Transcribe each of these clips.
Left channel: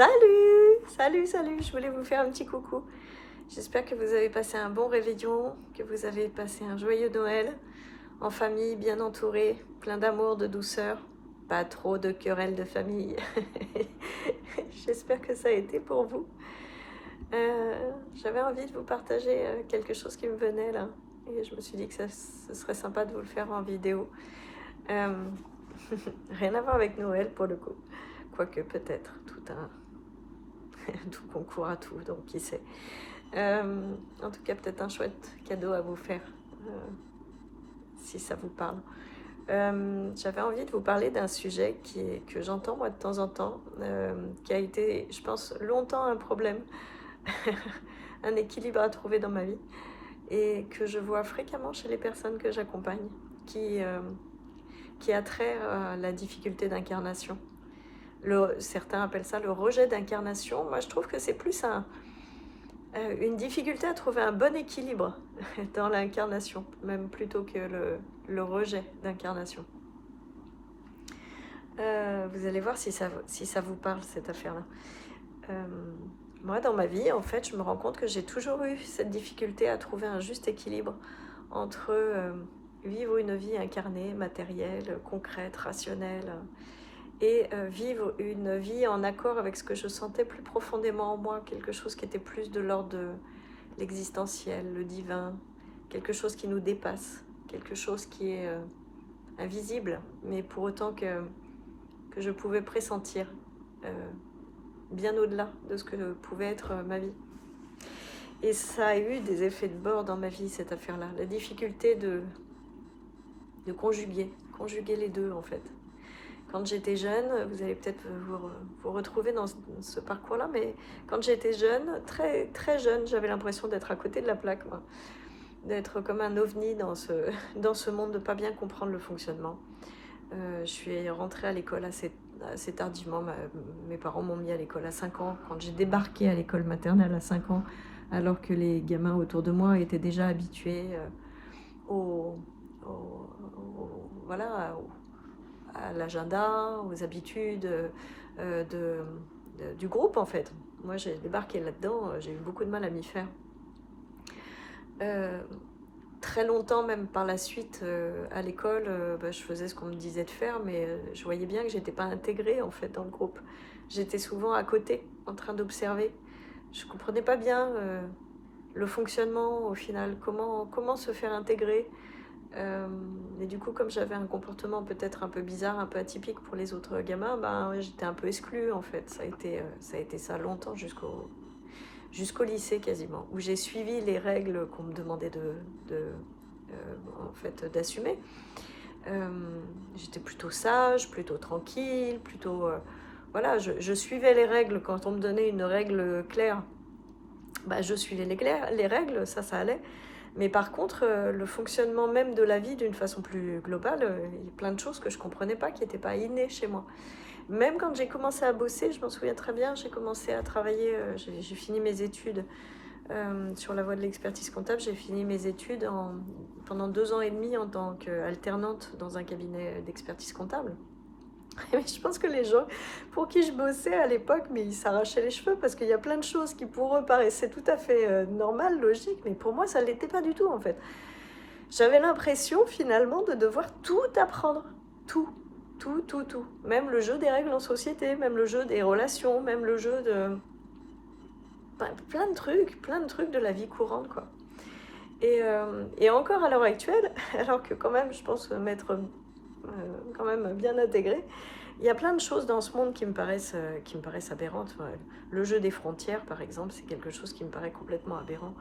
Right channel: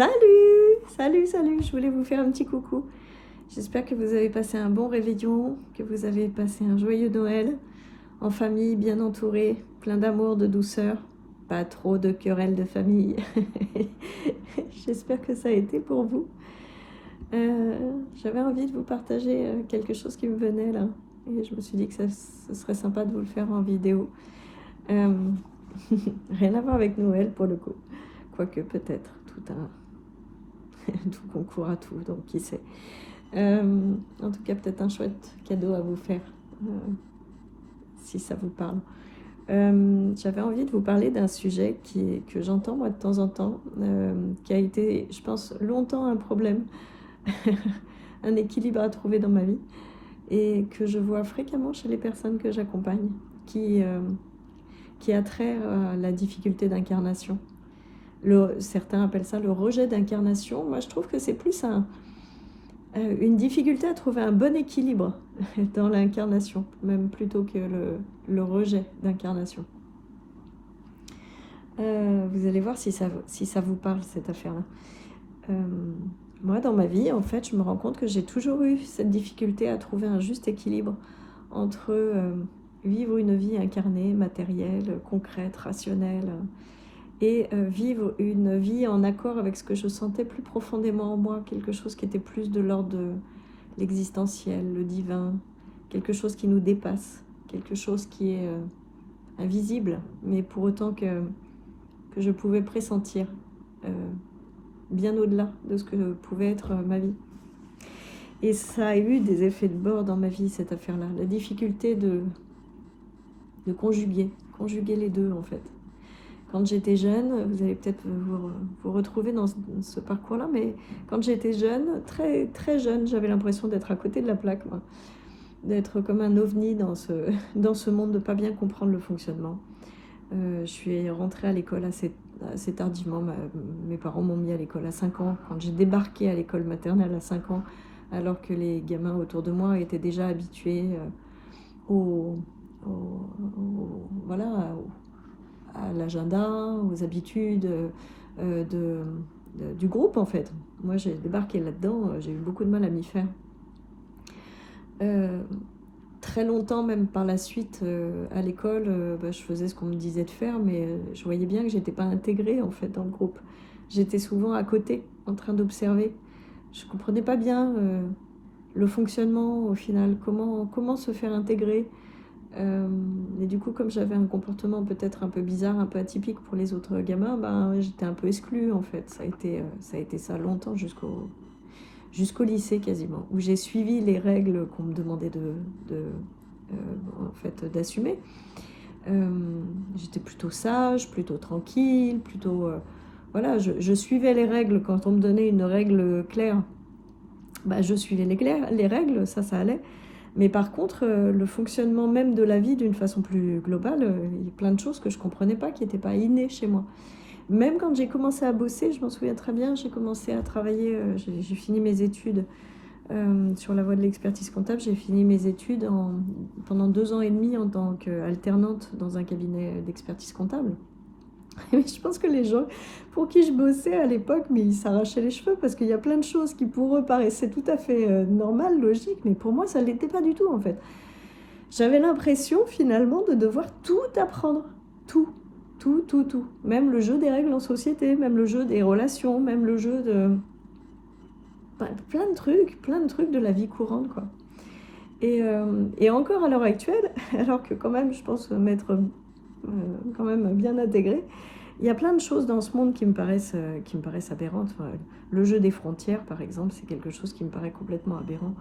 Salut! Salut, salut! Je voulais vous faire un petit coucou. J'espère que vous avez passé un bon réveillon, que vous avez passé un joyeux Noël, en famille, bien entourée, plein d'amour, de douceur, pas trop de querelles de famille. J'espère que ça a été pour vous. J'avais envie de vous partager quelque chose qui me venait là, et je me suis dit que ce serait sympa de vous le faire en vidéo. Euh, Rien à voir avec Noël pour le coup, quoique peut-être tout concourt à tout, donc qui sait. En tout cas, peut-être un chouette cadeau à vous faire, si ça vous parle. J'avais envie de vous parler d'un sujet que j'entends moi de temps en temps, qui a été, je pense, longtemps un problème, un équilibre à trouver dans ma vie, et que je vois fréquemment chez les personnes que j'accompagne, qui a trait à la difficulté d'incarnation. Certains appellent ça le rejet d'incarnation. Moi, je trouve que c'est plus une difficulté à trouver un bon équilibre dans l'incarnation, même plutôt que le rejet d'incarnation. Vous allez voir si ça vous parle, cette affaire-là. Moi, dans ma vie, en fait, je me rends compte que j'ai toujours eu cette difficulté à trouver un juste équilibre entre vivre une vie incarnée, matérielle, concrète, rationnelle, et vivre une vie en accord avec ce que je sentais plus profondément en moi, quelque chose qui était plus de l'ordre de l'existentiel, le divin, quelque chose qui nous dépasse, quelque chose qui est invisible, mais pour autant que je pouvais pressentir bien au-delà de ce que pouvait être ma vie. Et ça a eu des effets de bord dans ma vie, cette affaire-là, la difficulté de conjuguer les deux en fait. Quand j'étais jeune, vous allez peut-être vous retrouver dans ce parcours-là, mais quand j'étais jeune, très, très jeune, j'avais l'impression d'être à côté de la plaque, moi. D'être comme un ovni dans ce monde, de ne pas bien comprendre le fonctionnement. Je suis rentrée à l'école assez tardivement. Mes parents m'ont mis à l'école à 5 ans. Quand j'ai débarqué à l'école maternelle à 5 ans, alors que les gamins autour de moi étaient déjà habitués voilà, à l'agenda, aux habitudes du groupe en fait. Moi j'ai débarqué là-dedans, j'ai eu beaucoup de mal à m'y faire. Très longtemps même par la suite à l'école, je faisais ce qu'on me disait de faire, mais je voyais bien que j'étais pas intégrée en fait dans le groupe. J'étais souvent à côté en train d'observer. Je comprenais pas bien le fonctionnement au final, comment se faire intégrer. Et du coup, comme j'avais un comportement peut-être un peu bizarre, un peu atypique pour les autres gamins, j'étais un peu exclue en fait. Ça a été ça longtemps jusqu'au lycée quasiment, où j'ai suivi les règles qu'on me demandait en fait, d'assumer. J'étais plutôt sage, plutôt tranquille, plutôt... voilà, je suivais les règles. Quand on me donnait une règle claire, je suivais les règles, ça allait. Mais par contre, le fonctionnement même de la vie d'une façon plus globale, il y a plein de choses que je ne comprenais pas, qui n'étaient pas innées chez moi. Même quand j'ai commencé à bosser, je m'en souviens très bien, j'ai commencé à travailler, j'ai fini mes études sur la voie de l'expertise comptable, j'ai fini mes études pendant 2 ans et demi en tant qu'alternante dans un cabinet d'expertise comptable. Mais je pense que les gens pour qui je bossais à l'époque, mais ils s'arrachaient les cheveux parce qu'il y a plein de choses qui pour eux paraissaient tout à fait normales, logiques, mais pour moi ça ne l'était pas du tout en fait. J'avais l'impression finalement de devoir tout apprendre, tout. Même le jeu des règles en société, même le jeu des relations, même le jeu de... plein de trucs de la vie courante quoi. Et encore à l'heure actuelle, alors que quand même je pense m'être quand même bien intégrée, il y a plein de choses dans ce monde qui me paraissent aberrantes. Enfin, le jeu des frontières, par exemple, c'est quelque chose qui me paraît complètement aberrant.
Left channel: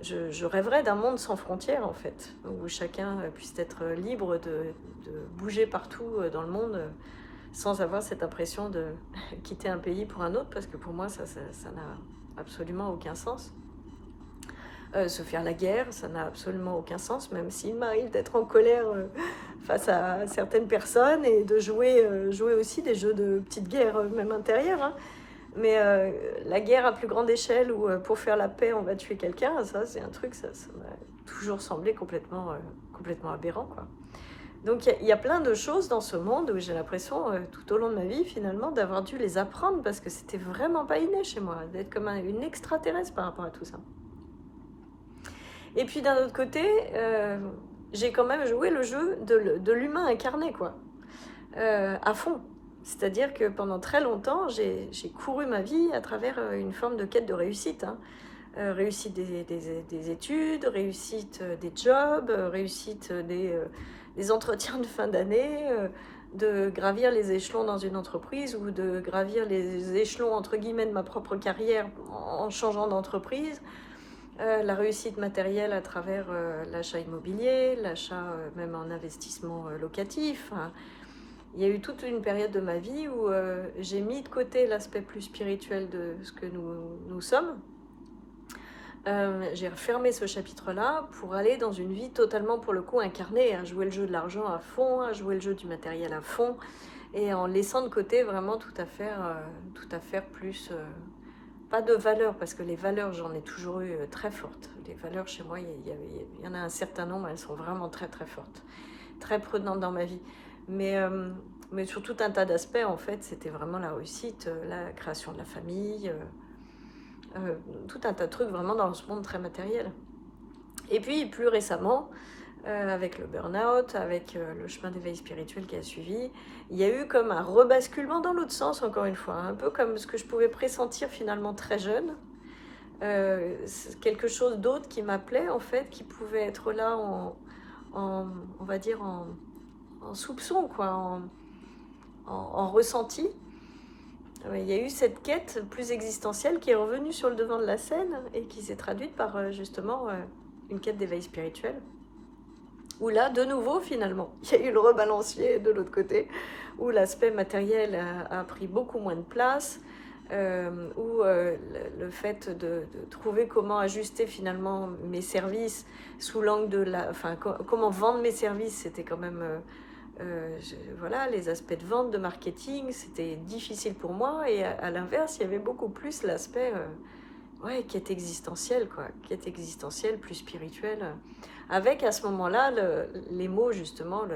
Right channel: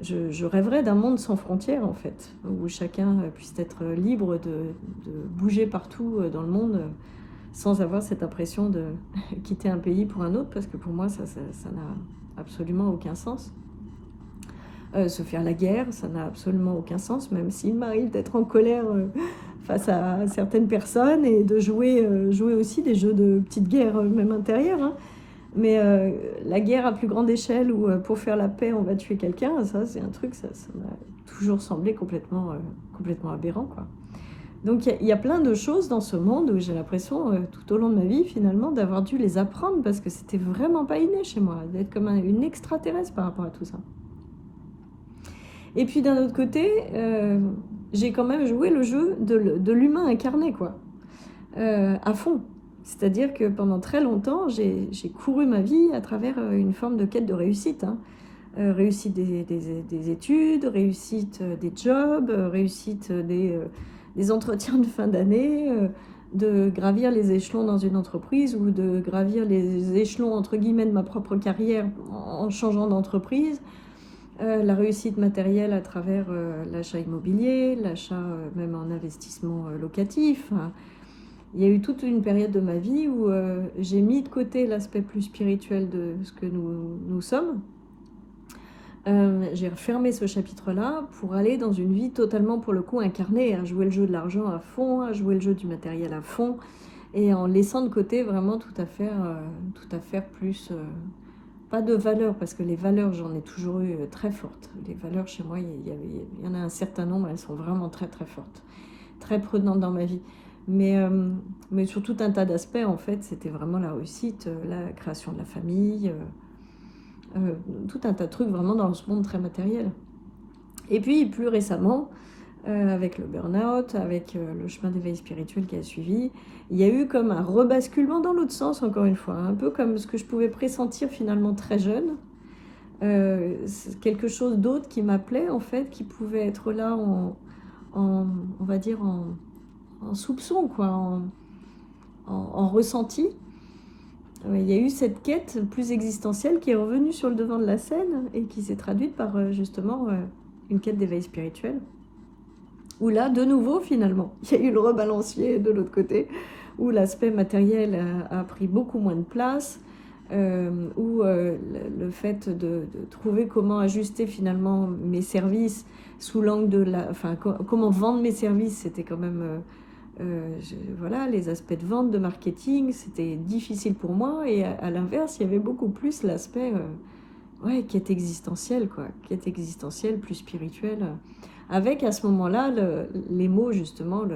Je rêverais d'un monde sans frontières, en fait, où chacun puisse être libre de bouger partout dans le monde sans avoir cette impression de quitter un pays pour un autre, parce que pour moi, ça n'a absolument aucun sens. Se faire la guerre, ça n'a absolument aucun sens, même s'il m'arrive d'être en colère face à certaines personnes et de jouer aussi des jeux de petites guerres, même intérieures. Hein. Mais la guerre à plus grande échelle où pour faire la paix on va tuer quelqu'un, ça c'est un truc, ça m'a toujours semblé complètement aberrant quoi. Donc il y a plein de choses dans ce monde où j'ai l'impression, tout au long de ma vie, finalement, d'avoir dû les apprendre parce que c'était vraiment pas inné chez moi, d'être comme une extraterrestre par rapport à tout ça. Et puis d'un autre côté, j'ai quand même joué le jeu de l'humain incarné, quoi, à fond. C'est-à-dire que pendant très longtemps, j'ai couru ma vie à travers une forme de quête de réussite, hein. Réussite des études, réussite des jobs, réussite des entretiens de fin d'année, de gravir les échelons dans une entreprise ou de gravir les échelons entre guillemets de ma propre carrière en changeant d'entreprise. La réussite matérielle à travers l'achat immobilier, l'achat même en investissement locatif. Hein. Il y a eu toute une période de ma vie où j'ai mis de côté l'aspect plus spirituel de ce que nous sommes. J'ai refermé ce chapitre-là pour aller dans une vie totalement, pour le coup, incarnée, à jouer le jeu de l'argent à fond, à jouer le jeu du matériel à fond, et en laissant de côté vraiment tout à faire plus... pas de valeurs, parce que les valeurs, j'en ai toujours eu très fortes. Les valeurs, chez moi, il y en a un certain nombre, elles sont vraiment très très fortes, très prenantes dans ma vie. Mais sur tout un tas d'aspects, en fait, c'était vraiment la réussite, la création de la famille... tout un tas de trucs vraiment dans ce monde très matériel. Et puis plus récemment, avec le burn-out, avec le chemin d'éveil spirituel qui a suivi, il y a eu comme un rebasculement dans l'autre sens, encore une fois, un peu comme ce que je pouvais pressentir finalement très jeune, quelque chose d'autre qui m'appelait en fait, qui pouvait être là on va dire en soupçon, quoi, en ressenti. Il y a eu cette quête plus existentielle qui est revenue sur le devant de la scène et qui s'est traduite par justement une quête d'éveil spirituel. Où là, de nouveau, finalement, il y a eu le rebalancier de l'autre côté, où l'aspect matériel a pris beaucoup moins de place, où le fait de trouver comment ajuster finalement mes services sous l'angle de la... Enfin, comment vendre mes services, c'était quand même... voilà, les aspects de vente, de marketing, c'était difficile pour moi. Et à l'inverse, il y avait beaucoup plus l'aspect ouais, quête existentielle, quoi. Quête existentielle, plus spirituelle. Avec à ce moment-là les mots, justement,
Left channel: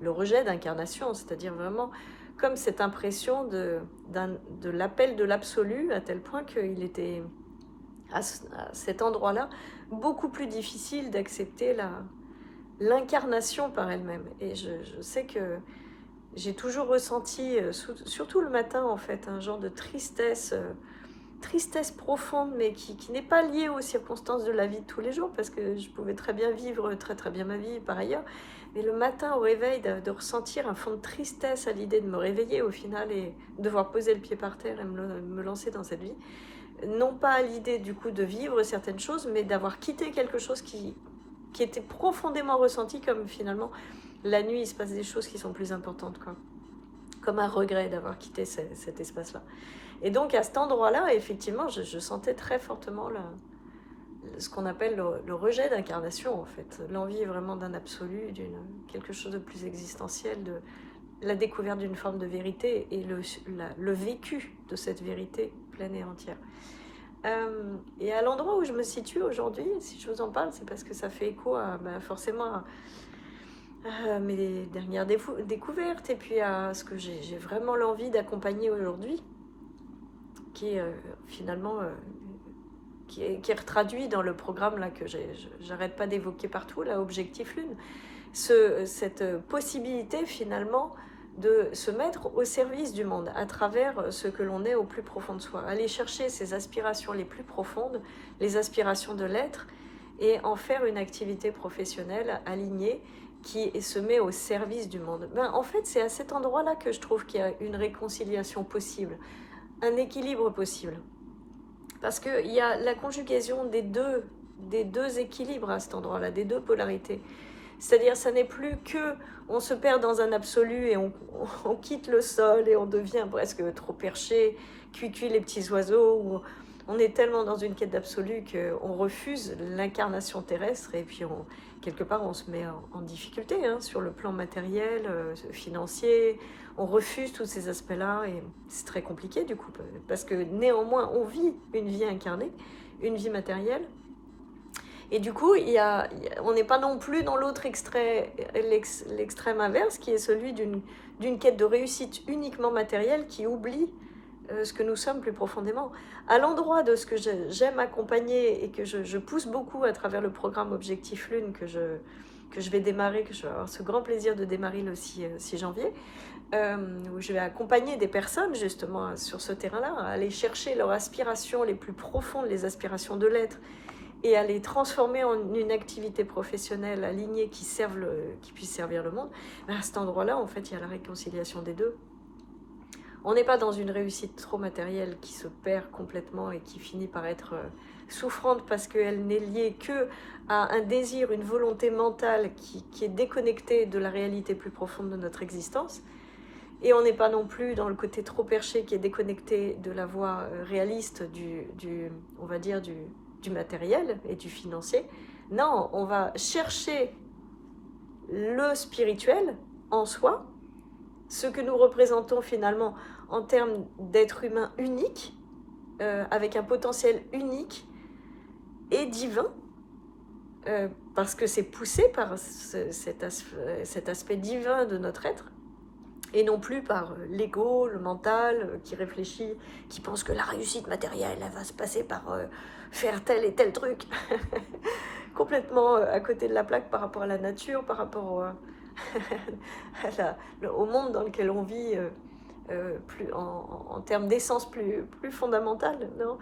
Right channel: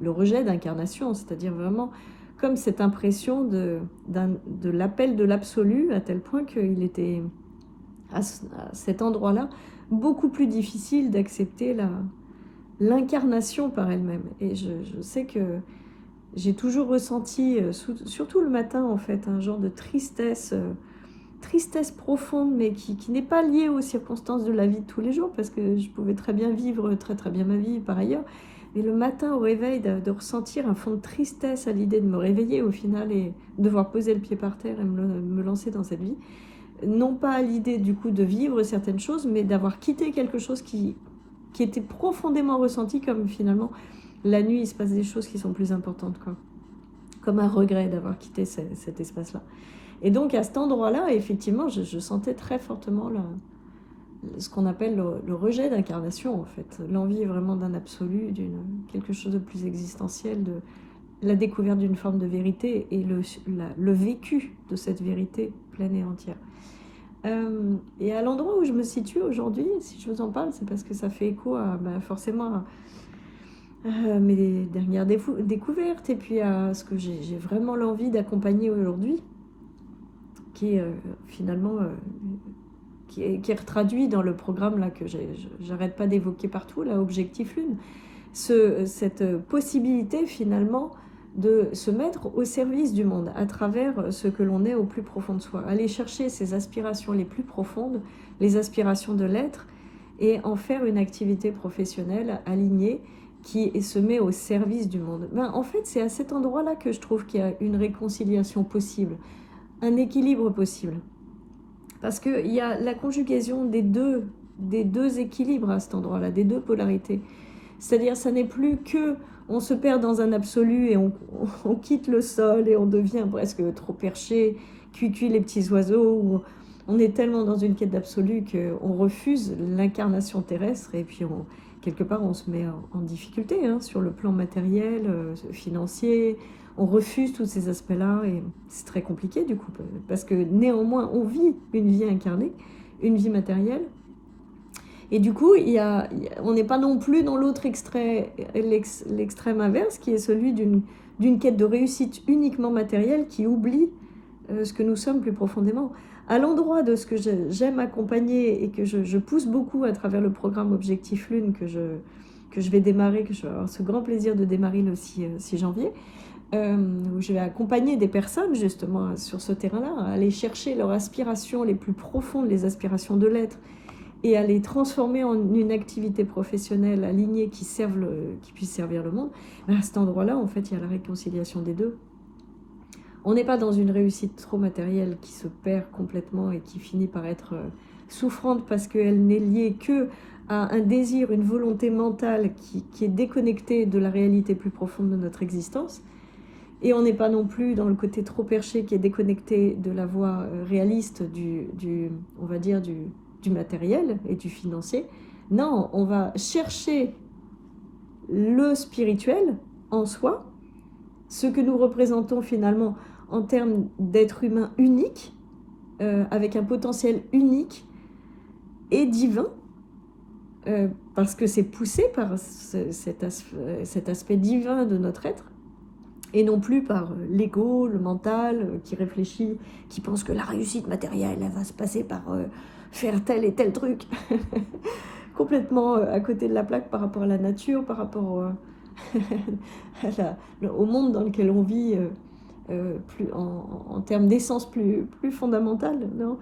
le rejet d'incarnation, c'est-à-dire vraiment comme cette impression de l'appel de l'absolu, à tel point qu'il était à cet endroit-là beaucoup plus difficile d'accepter l'incarnation par elle-même. Et je sais que j'ai toujours ressenti, surtout le matin en fait, un genre de tristesse profonde, mais qui n'est pas liée aux circonstances de la vie de tous les jours, parce que je pouvais très bien vivre très très bien ma vie par ailleurs. Mais le matin au réveil, de ressentir un fond de tristesse à l'idée de me réveiller au final et devoir poser le pied par terre et me lancer dans cette vie. Non pas à l'idée du coup de vivre certaines choses, mais d'avoir quitté quelque chose qui était profondément ressenti comme finalement la nuit il se passe des choses qui sont plus importantes, quoi. Comme un regret d'avoir quitté cet espace-là. Et donc à cet endroit-là, effectivement, je sentais très fortement ce qu'on appelle le rejet d'incarnation, en fait. L'envie vraiment d'un absolu, quelque chose de plus existentiel, de la découverte d'une forme de vérité et le vécu de cette vérité pleine et entière. Et à l'endroit où je me situe aujourd'hui, si je vous en parle, c'est parce que ça fait écho forcément à mes dernières découvertes et puis à ce que j'ai vraiment l'envie d'accompagner aujourd'hui, qui est finalement qui est retraduit dans le programme là que j'arrête pas d'évoquer partout, là, Objectif Lune. Cette possibilité finalement de se mettre au service du monde à travers ce que l'on est au plus profond de soi, aller chercher ses aspirations les plus profondes, les aspirations de l'être, et en faire une activité professionnelle alignée qui se met au service du monde. En fait, c'est à cet endroit-là que je trouve qu'il y a une réconciliation possible, un équilibre possible. Parce qu'il y a la conjugaison des deux équilibres à cet endroit-là, des deux polarités. C'est-à-dire, ça n'est plus que on se perd dans un absolu et on quitte le sol et on devient presque trop perché, cuicui les petits oiseaux, ou on est tellement dans une quête d'absolu qu'on refuse l'incarnation terrestre et puis quelque part on se met en difficulté sur le plan matériel, financier. On refuse tous ces aspects-là et c'est très compliqué du coup, parce que néanmoins on vit une vie incarnée, une vie matérielle. Et du coup, on n'est pas non plus dans l'autre l'extrême inverse, qui est celui d'une quête de réussite uniquement matérielle qui oublie ce que nous sommes plus profondément. À l'endroit de ce que j'aime accompagner et que je pousse beaucoup à travers le programme Objectif Lune que je vais démarrer, que je vais avoir ce grand plaisir de démarrer le 6 janvier, où je vais accompagner des personnes justement sur ce terrain-là, à aller chercher leurs aspirations les plus profondes, les aspirations de l'être, et à les transformer en une activité professionnelle alignée qui puisse servir le monde. Ben à cet endroit-là, en fait, il y a la réconciliation des deux. On n'est pas dans une réussite trop matérielle qui se perd complètement et qui finit par être souffrante parce qu'elle n'est liée que à un désir, une volonté mentale qui est déconnectée de la réalité plus profonde de notre existence. Et on n'est pas non plus dans le côté trop perché qui est déconnecté de la voie réaliste on va dire du matériel et du financier. Non, on va chercher le spirituel en soi, ce que nous représentons finalement en termes d'être humain unique, avec un potentiel unique et divin, parce que c'est poussé par cet aspect divin de notre être, et non plus par l'ego, le mental, qui réfléchit, qui pense que la réussite matérielle, elle va se passer par faire tel et tel truc, complètement à côté de la plaque par rapport à la nature, par rapport au monde dans lequel on vit, en termes d'essence plus fondamentale. Non,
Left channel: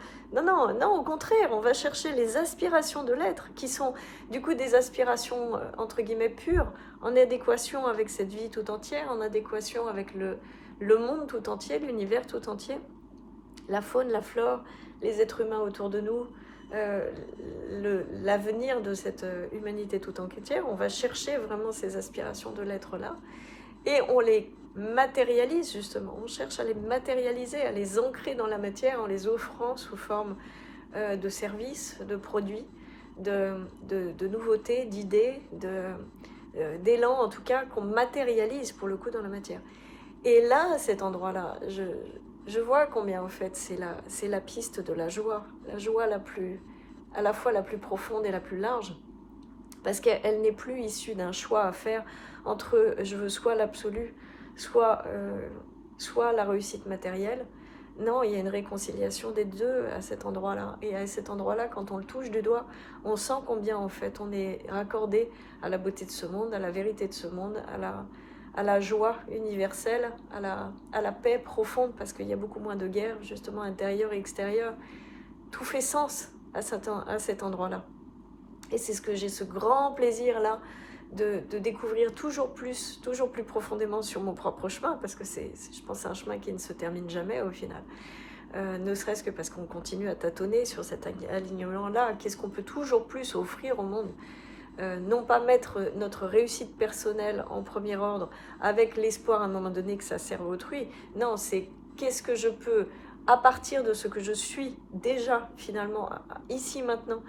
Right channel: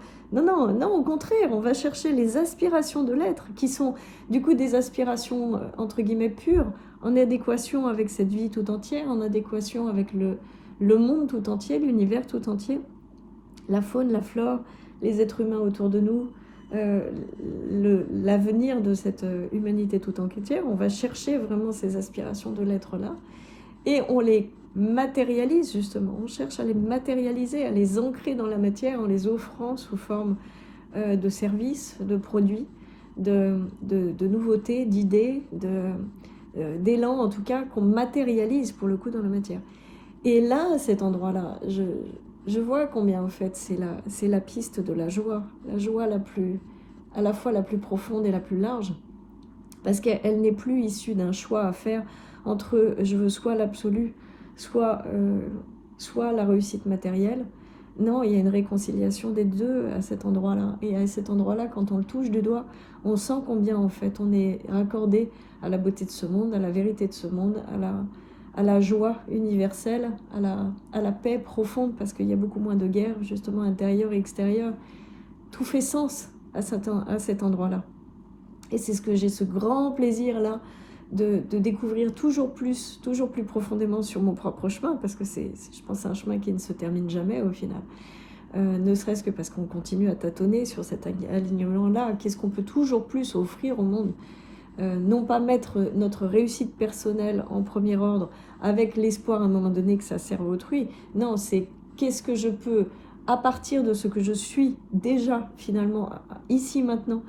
au contraire, on va chercher les aspirations de l'être, qui sont du coup des aspirations entre guillemets pures, en adéquation avec cette vie tout entière, en adéquation avec le monde tout entier, l'univers tout entier, la faune, la flore, les êtres humains autour de nous, l'avenir de cette humanité tout entière. On va chercher vraiment ces aspirations de l'être-là, et on les matérialise justement, on cherche à les matérialiser, à les ancrer dans la matière en les offrant sous forme de services, de produits, de nouveautés, d'idées, d'élan en tout cas, qu'on matérialise pour le coup dans la matière. Et là, à cet endroit-là, je vois combien en fait c'est la piste de la joie à la fois la plus profonde et la plus large, parce qu'elle n'est plus issue d'un choix à faire entre je veux soit l'absolu, soit la réussite matérielle. Non, il y a une réconciliation des deux à cet endroit-là. Et à cet endroit-là, quand on le touche du doigt, on sent combien en fait on est raccordé à la beauté de ce monde, à la vérité de ce monde, à la joie universelle, à la paix profonde, parce qu'il y a beaucoup moins de guerre, justement, intérieure et extérieure. Tout fait sens à cet endroit-là. Et c'est ce que j'ai ce grand plaisir-là de découvrir toujours plus profondément sur mon propre chemin, parce que je pense c'est un chemin qui ne se termine jamais au final. Ne serait-ce que parce qu'on continue à tâtonner sur cet alignement-là. Qu'est-ce qu'on peut toujours plus offrir au monde ? Non pas mettre notre réussite personnelle en premier ordre avec l'espoir à un moment donné que ça serve autrui. Non, c'est qu'est-ce que je peux, à partir de ce que je suis déjà finalement, ici maintenant,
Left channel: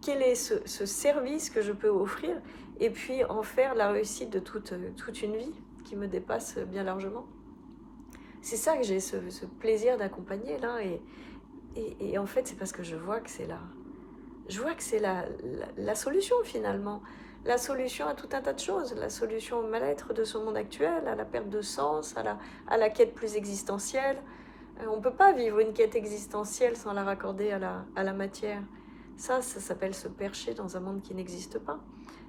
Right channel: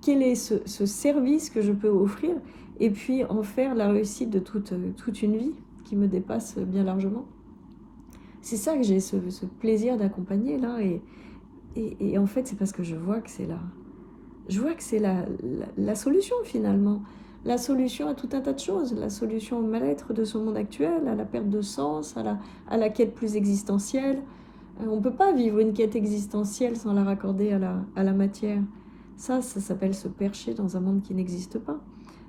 quel est ce service que je peux offrir, et puis en faire la réussite de toute une vie qui me dépasse bien largement. C'est ça que j'ai ce plaisir d'accompagner là, et en fait c'est parce que je vois que c'est la solution finalement, la solution à tout un tas de choses, la solution au mal-être de ce monde actuel, à la perte de sens, à la quête plus existentielle. On ne peut pas vivre une quête existentielle sans la raccorder à la matière. Ça s'appelle se percher dans un monde qui n'existe pas.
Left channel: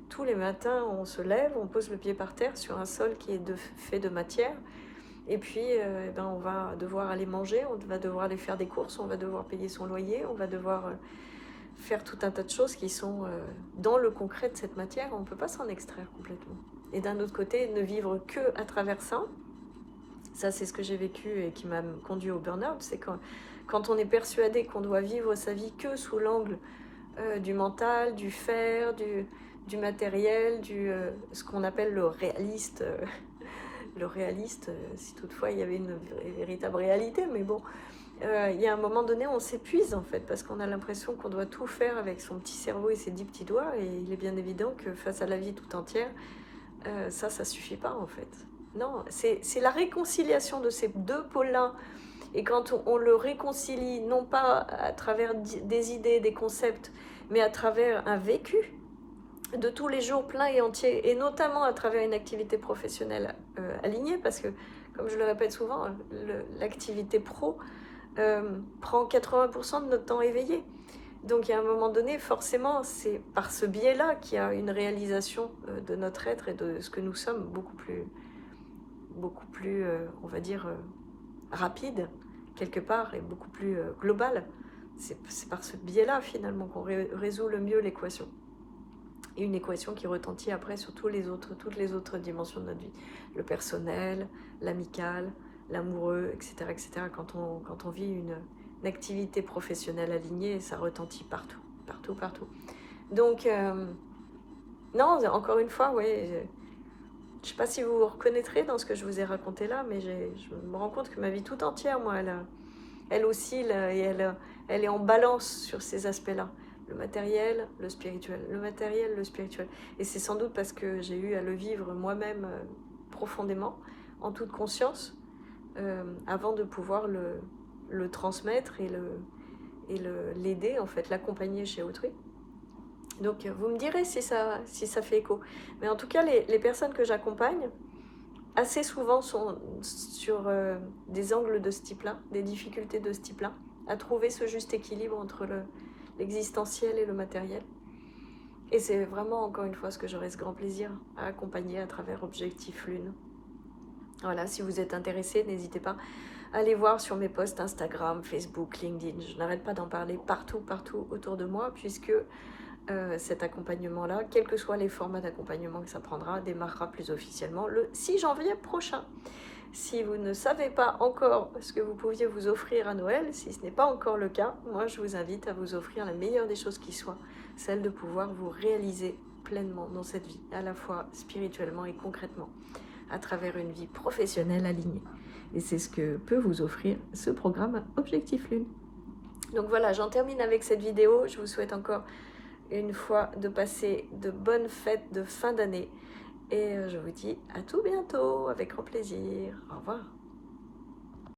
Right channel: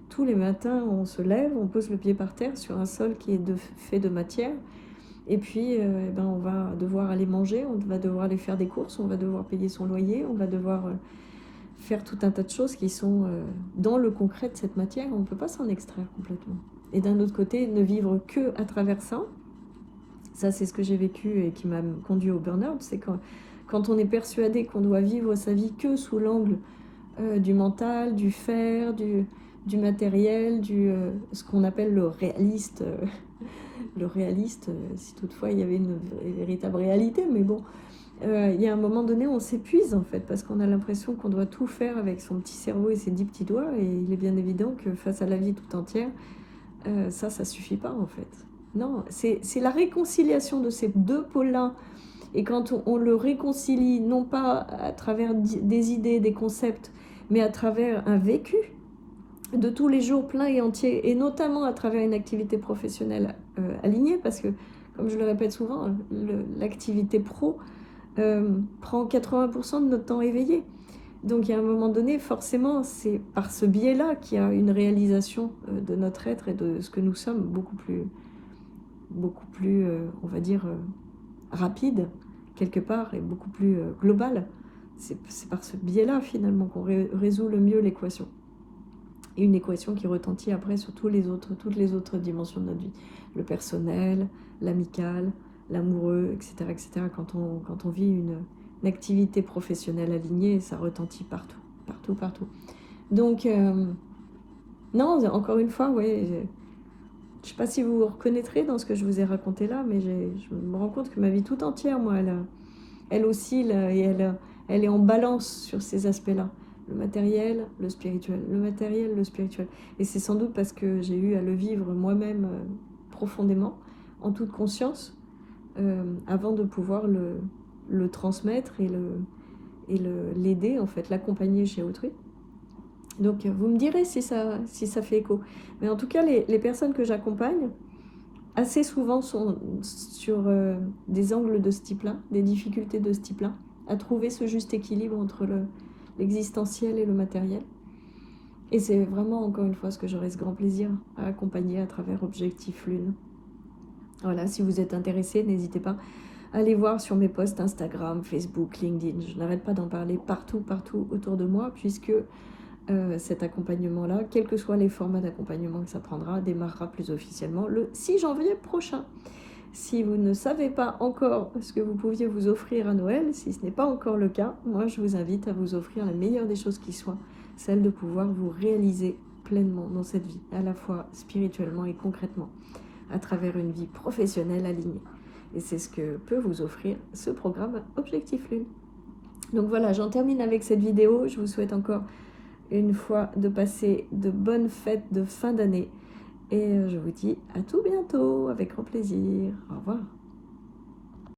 Tous les matins, on se lève, on pose le pied par terre sur un sol qui est fait de matière, et puis on va devoir aller manger, on va devoir aller faire des courses, on va devoir payer son loyer, on va devoir faire tout un tas de choses qui sont dans le concret de cette matière. On ne peut pas s'en extraire complètement. Et d'un autre côté, ne vivre que à travers ça, c'est ce que j'ai vécu et qui m'a conduit au burn-out, c'est quand on est persuadé qu'on doit vivre sa vie que sous l'angle du mental, du faire, du matériel, ce qu'on appelle le réaliste. Le réaliste, si toutefois il y avait une véritable réalité, mais bon, il y a un moment donné, on s'épuise en fait, parce qu'on a l'impression qu'on doit tout faire avec son petit cerveau et ses 10 petits doigts, et il est bien évident que face à la vie tout entière, ça suffit pas en fait. Non, c'est la réconciliation de ces deux pôles-là. Et quand on le réconcilie, non pas à travers des idées, des concepts, mais à travers un vécu de tous les jours plein et entier, et notamment à travers une activité professionnelle alignée, parce que, comme je le répète souvent, l'activité pro prend 80% de notre temps éveillé. Donc, il y a un moment donné, forcément, c'est par ce biais-là qu'il y a une réalisation de notre être et de ce que nous sommes beaucoup plus on va dire, rapide, quelque part, et beaucoup plus global. C'est par ce biais-là, finalement, qu'on résout le mieux l'équation. Et une équation qui retentit après sur toutes les autres dimensions de notre vie. Le personnel, l'amical, l'amoureux, etc., etc. Quand on vit une activité professionnelle alignée, ça retentit partout, partout, partout. Donc, non, encore une fois, ouais, je ne sais pas si vous vous reconnaîtrez dans ce que je vous ai raconté là, mais je me rends compte que ma vie tout entière, moi, elle oscille et elle est en balance sur ces aspects-là. Le matériel, le spirituel. Le matériel, le spirituel. Et c'est sans doute parce que j'ai eu à le vivre moi-même profondément, en toute conscience, avant de pouvoir le transmettre et l'aider, en fait, l'accompagner chez autrui. Donc, vous me direz si ça fait écho. Mais en tout cas, les personnes que j'accompagne, assez souvent sont sur des angles de ce type-là, des difficultés de ce type-là, à trouver ce juste équilibre entre l'existentiel et le matériel. Et c'est vraiment, encore une fois, ce que j'aurais ce grand plaisir à accompagner à travers Objectif Lune. Voilà, si vous êtes intéressé, n'hésitez pas à aller voir sur mes posts Instagram, Facebook, LinkedIn. Je n'arrête pas d'en parler partout, partout autour de moi, puisque cet accompagnement-là, quels que soient les formats d'accompagnement que ça prendra, démarrera plus officiellement le 6 janvier prochain. Si vous ne savez pas encore ce que vous pouviez vous offrir à Noël, si ce n'est pas encore le cas, moi je vous invite à vous offrir la meilleure des choses qui soit, celle de pouvoir vous réaliser pleinement dans cette vie, à la fois spirituellement et concrètement, à travers une vie professionnelle alignée. Et c'est ce que peut vous offrir ce programme Objectif Lune. Donc voilà, j'en termine avec cette vidéo. Je vous souhaite encore une fois de passer de bonnes fêtes de fin d'année. Et je vous dis à tout bientôt, avec grand plaisir. Au revoir.